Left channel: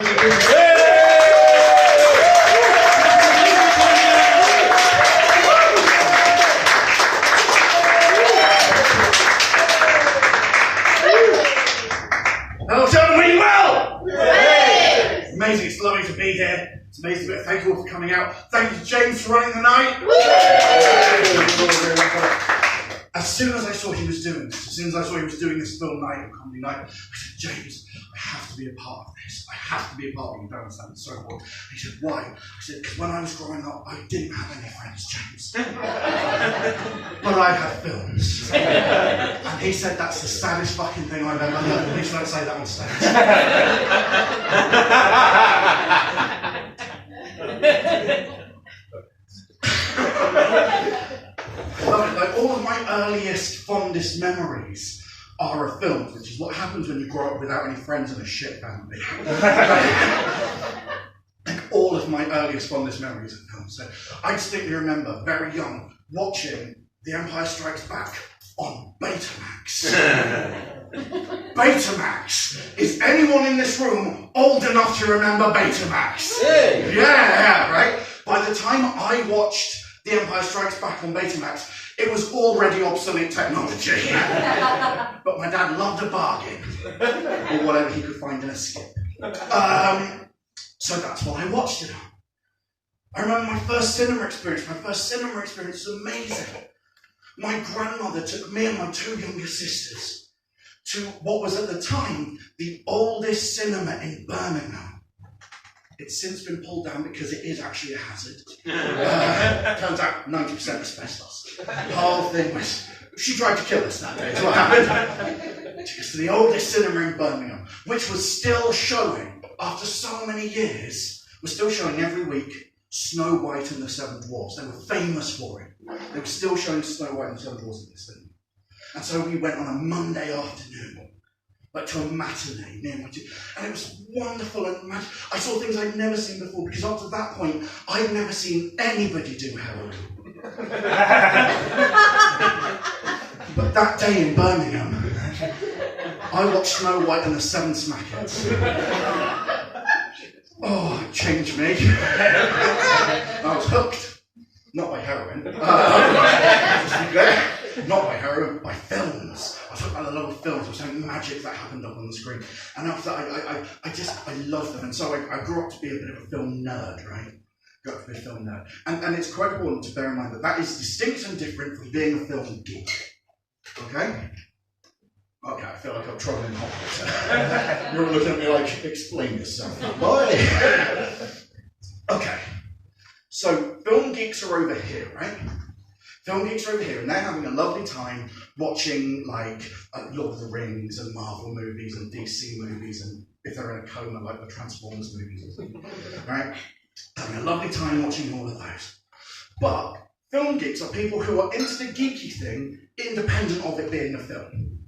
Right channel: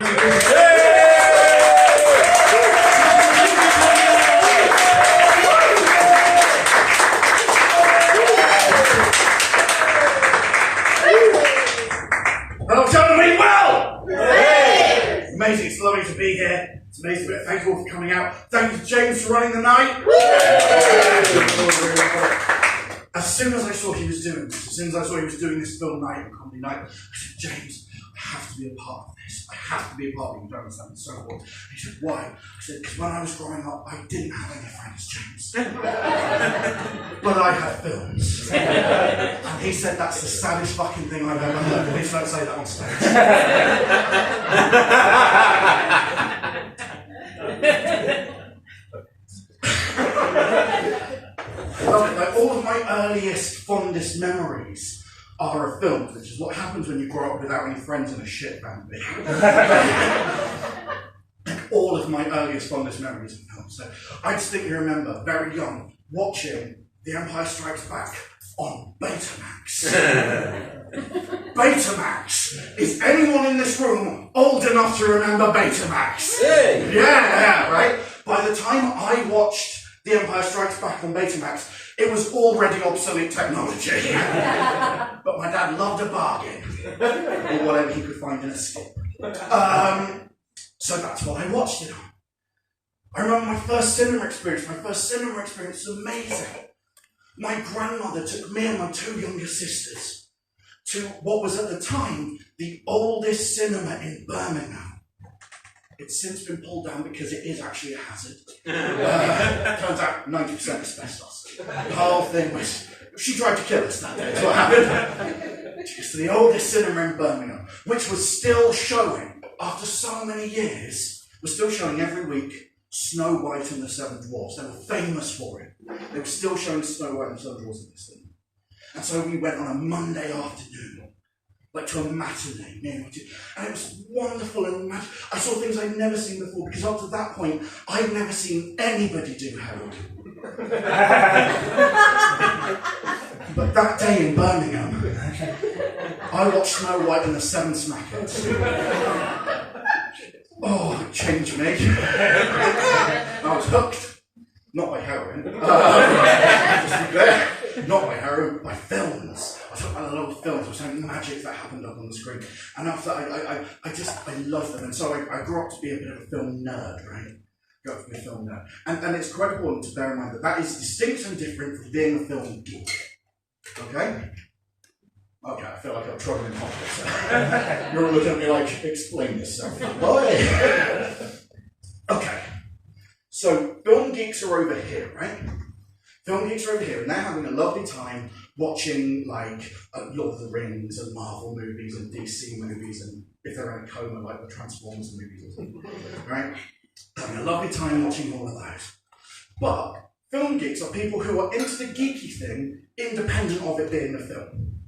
Hello, gentlemen, well! It's amazing, it's lovely to be here. It's amazing. Thank you all for coming out. Thank you to James for running the night. As soon as I saw he was doing this, as soon as I saw he was doing this film night and comedy night, I said, James, I have to be a part of this. I have to be a part of it. You don't understand, it's so important. And he said, why? I said, because when I was growing up, I didn't have any friends, James. But I had films. And he said, that's the saddest fucking thing I've ever heard. Please don't say that on stage. Love it. Like, all of my earliest, fondest memories are of films, which is what happens when you grow up without any friends and a shit family. Like, all of my earliest, fondest memories of films. So I distinctly remember, very young, watching The Empire Strikes Back on Betamax. Betamax. Is anyone in this room old enough to remember Betamax? Hey. Yeah, right? By the time I watched The Empire Strikes Back on Betamax, it was already obsolete technology. But my dad loved a bargain, or whatever he could find in a skip. So that's what I watched it on. I remember my first cinema experience. My first cinema experience was amazing. My grandmother took me and my two younger sisters to what was at the time the oldest cinema in Birmingham. It's since been pulled down because it is actually a hazard. Turns out 90% asbestos. The whole thing was, she tried to kill us that day, is what happened. It's the oldest cinema in Birmingham, which was still showing, after so many years, was still showing every week Snow White and the Seven Dwarfs. They were famous for it. They were still showing Snow White and the Seven Dwarfs at this cinema. And so we went on a Monday afternoon, like to a matinee near my and it was wonderful and magic. I saw things I'd never seen before, because up to that point, I'd never seen anybody do heroin. But that day in Birmingham, I watched Snow White and the Seven Smackheads. Oh, it changed me. I was hooked. Not by heroin. Just to be clear. Not by heroin, by films. I was hooked by the little films. There was something magic that happened up on the screen. And after that, I loved them. And so I grew up to be a bit of a film nerd, right? Grew up to be a film nerd. And it's quite important to bear in mind that that is distinct and different from being a film geek. Okay? Okay, I feel like I'm troubling hot water. You're all looking at me like, explain yourself. Why? Okay. So, film geeks are over here, right? Film geeks are over here, and they're having a lovely time watching, like, Lord of the Rings and Marvel movies and DC movies, and if they're in a coma, like the Transformers movies or something, right? Having a lovely time watching all of those. But film geeks are people who are into the geeky thing, independent of it being a film.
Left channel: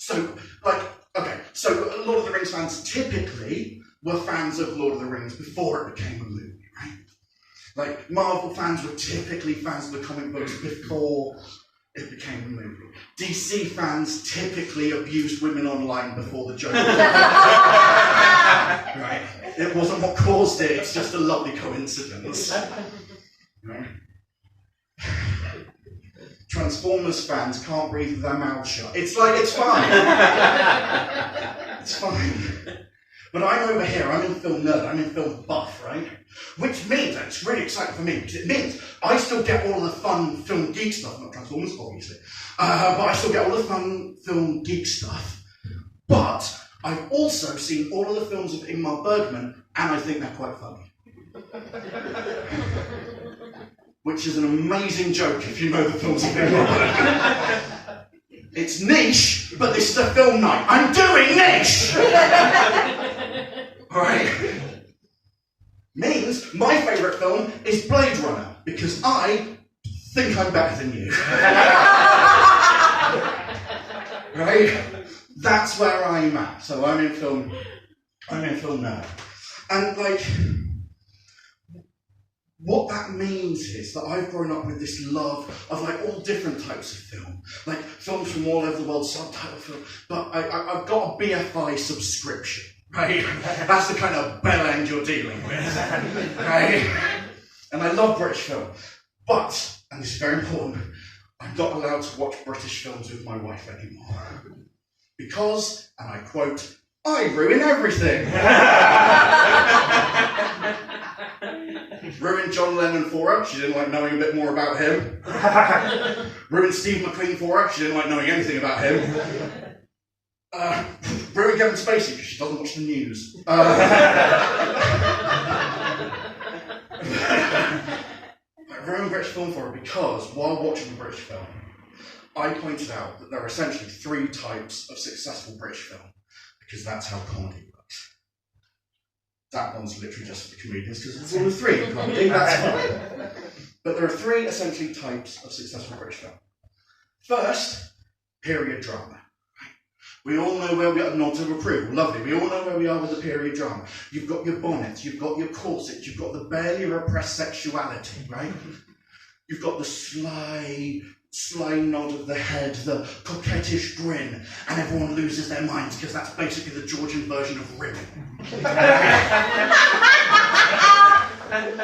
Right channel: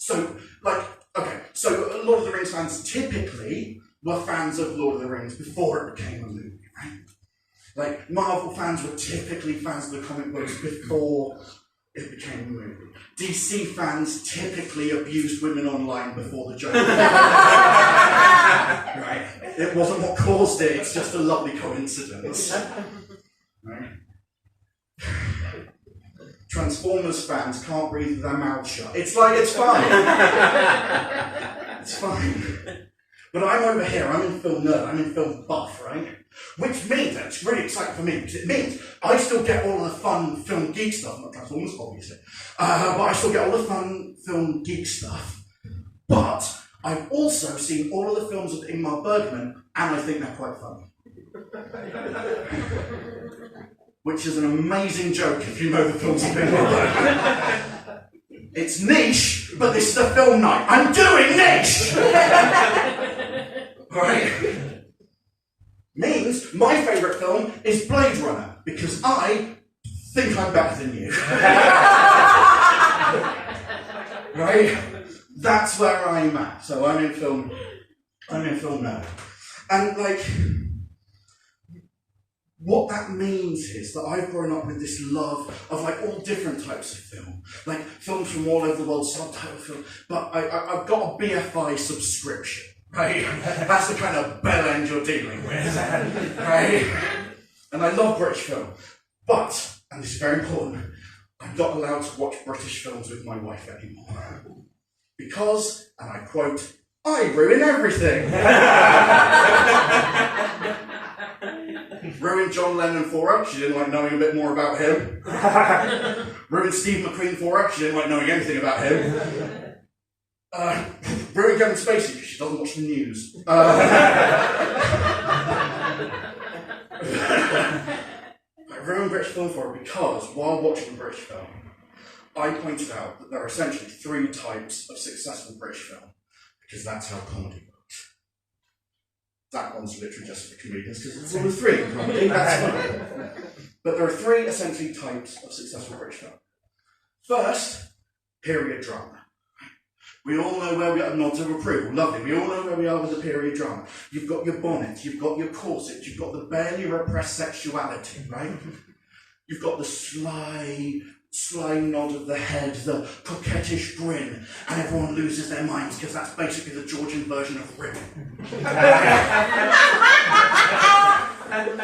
So, like, okay, so Lord of the Rings fans typically were fans of Lord of the Rings before it became a movie, right? Like, Marvel fans were typically fans of the comic books before it became a movie. DC fans typically abused women online before the joke. Right? It wasn't what caused it, it's just a lovely coincidence. Right? Transformers fans can't breathe with their mouths shut. It's like, it's fine. It's fine. But I'm over here, I'm in film nerd, I'm in film buff, right? Which means, and it's really exciting for me, because it means I still get all of the fun film geek stuff, not Transformers, obviously, but I still get all the fun film geek stuff. But I've also seen all of the films of Ingmar Bergman, and I think they're quite funny. Which is an amazing joke if you know the films of Ingmar Bergman. It's niche, but this is a film night. I'm doing niche! Right? Means my favourite film is Blade Runner, because I think I'm better than you. Right? That's where I'm at. So I'm in film now. And like, what that means is that I've grown up with this love of like all different types of film, like films from all over the world, subtitle film, but I've got a BFI subscription. right? That's the kind of bell end you're dealing with, right? And I love British film, but, and this is very important, I'm not allowed to watch British films with my wife anymore. Because, and I quote, I ruin everything. Ruined John Lennon for her, she didn't like knowing a bit more about him. Ruined Steve McQueen for her, she didn't like knowing anything about him. Ruined Kevin Spacey because she doesn't watch the news. I ruined British film for her because while watching the British film, I pointed out that there are essentially 3 types of successful British film, because that's how comedy works. That one's literally just for the comedians, because it's only 3 in comedy, that's fine. But there are 3 essentially types of successful British film. First, period drama. We all know where we are, nods of approval, lovely. We all know where we are with the period drama. You've got your bonnet, you've got your corset, you've got the barely repressed sexuality, right? You've got the sly nod of the head, the coquettish grin, and everyone loses their minds because that's basically the Georgian version of ribbon. And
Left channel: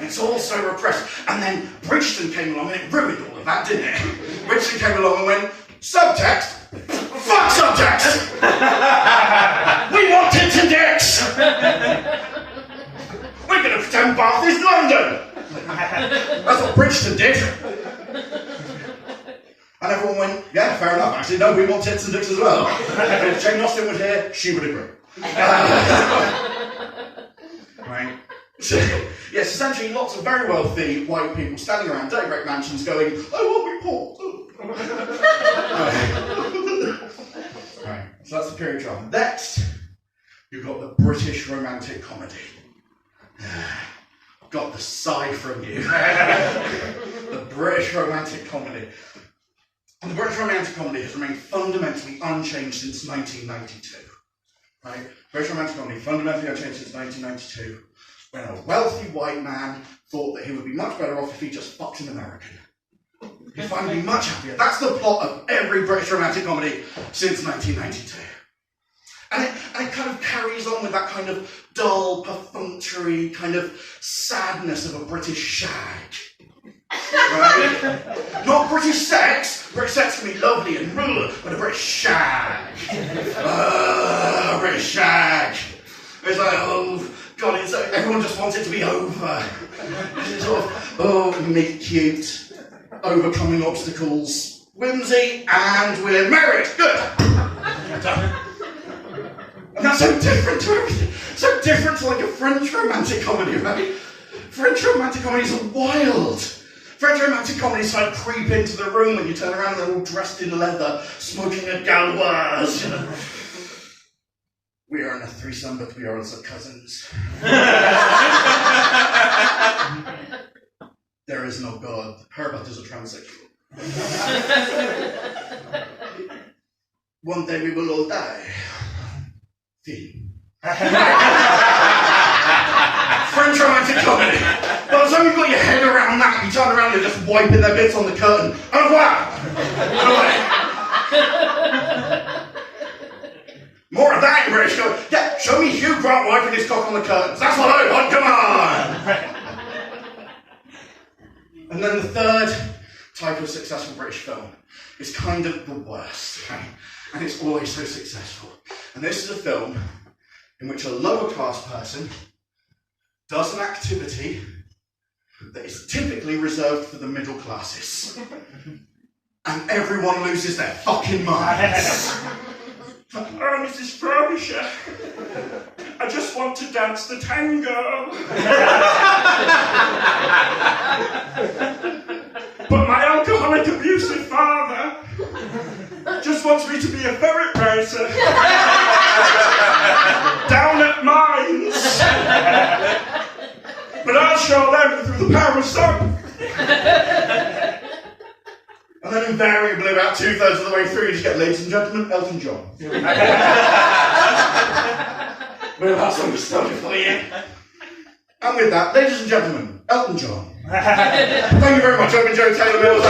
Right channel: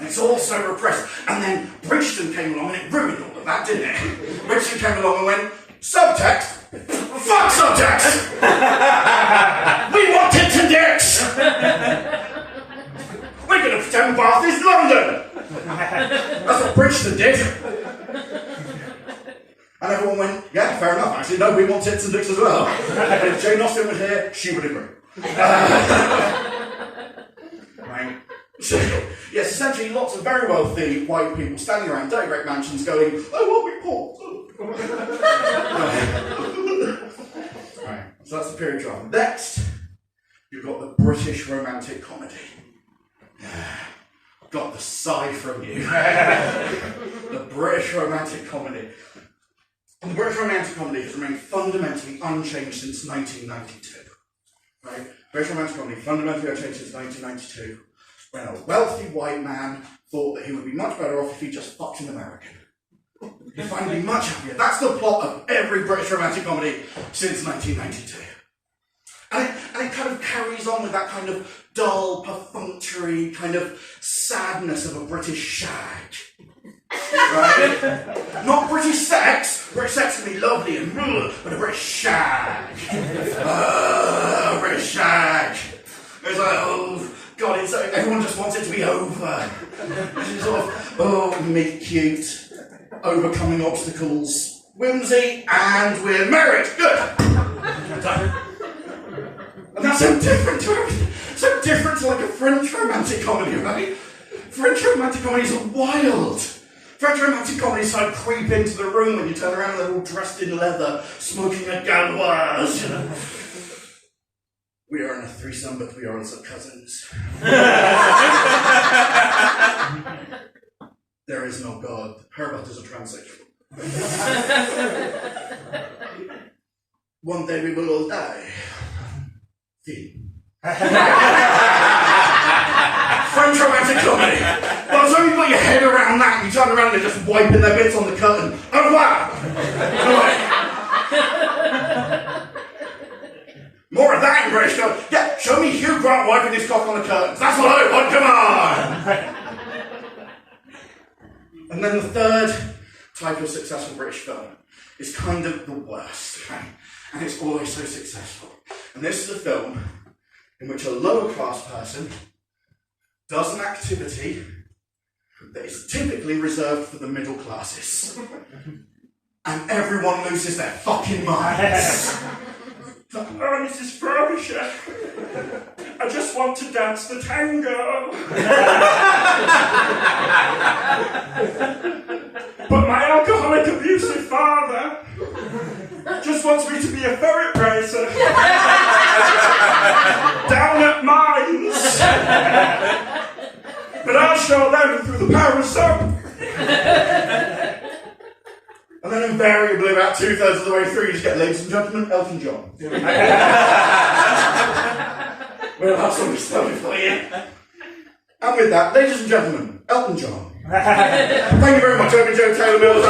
it's all so repressed. And then Bridgeton came along and it ruined all of that, didn't it? Bridgeton came along and went, subtext? Fuck subtext! We want tits and dicks! We're going to pretend Bath is London! That's what Bridgeton did. And everyone went, yeah, fair enough, actually. No, we want tits and dicks as well. And if Jane Austen would hear, she would agree. Right? So, yes, essentially lots of very wealthy white people standing around dirty brick mansions going, I want me poor. Right, so that's the period drama. Next, you've got the British romantic comedy. Got the sigh from you. The British romantic comedy. And the British romantic comedy has remained fundamentally unchanged since 1992. Right? British romantic comedy fundamentally unchanged since 1992, when a wealthy white man thought that he would be much better off if he just fucked an American. He'd find me much happier. That's the plot of every British romantic comedy since 1992. And it kind of carries on with that kind of dull, perfunctory kind of sadness of a British shag. Right? Not British sex. British sex can be lovely and but a British shag. British shag. It's like, oh, God, everyone just wants it to be over. It's sort of, oh, meet cute. Overcoming obstacles, whimsy, and we're married. Good. Done. And that's so different to everything. So different to like a French romantic comedy, right? French romantic comedies are wild. French romantic comedies like creep into the room when you turn around and they're all dressed in leather, smoking a gauloise. We are in a threesome, but we are also cousins. There is no God. Herbert is a transsexual. One day we will all die. Theme. French romantic comedy. By the time you've got your head around that, you turn around and you're just wiping their bits on the curtain. Oh wow! More of that in British comedy. Yeah, show me Hugh Grant wiping his cock on the curtains. That's what I want, come on! And then the third type of successful British film is kind of the worst, right? And it's always so successful. And this is a film in which a lower class person does an activity that is typically reserved for the middle classes. And everyone loses their fucking minds. Oh, Mrs. Frobisher, I just want to dance the tango. But my alcoholic, abusive father just wants me to be a ferret racer down at mines. But I'll show them through the power of soap. And then invariably, about 2/3 of the way through, you just get, ladies and gentlemen, Elton John. We'll have some story for you. And with that, ladies and gentlemen, Elton John. Thank you very much. I've been Joe Taylor Mills.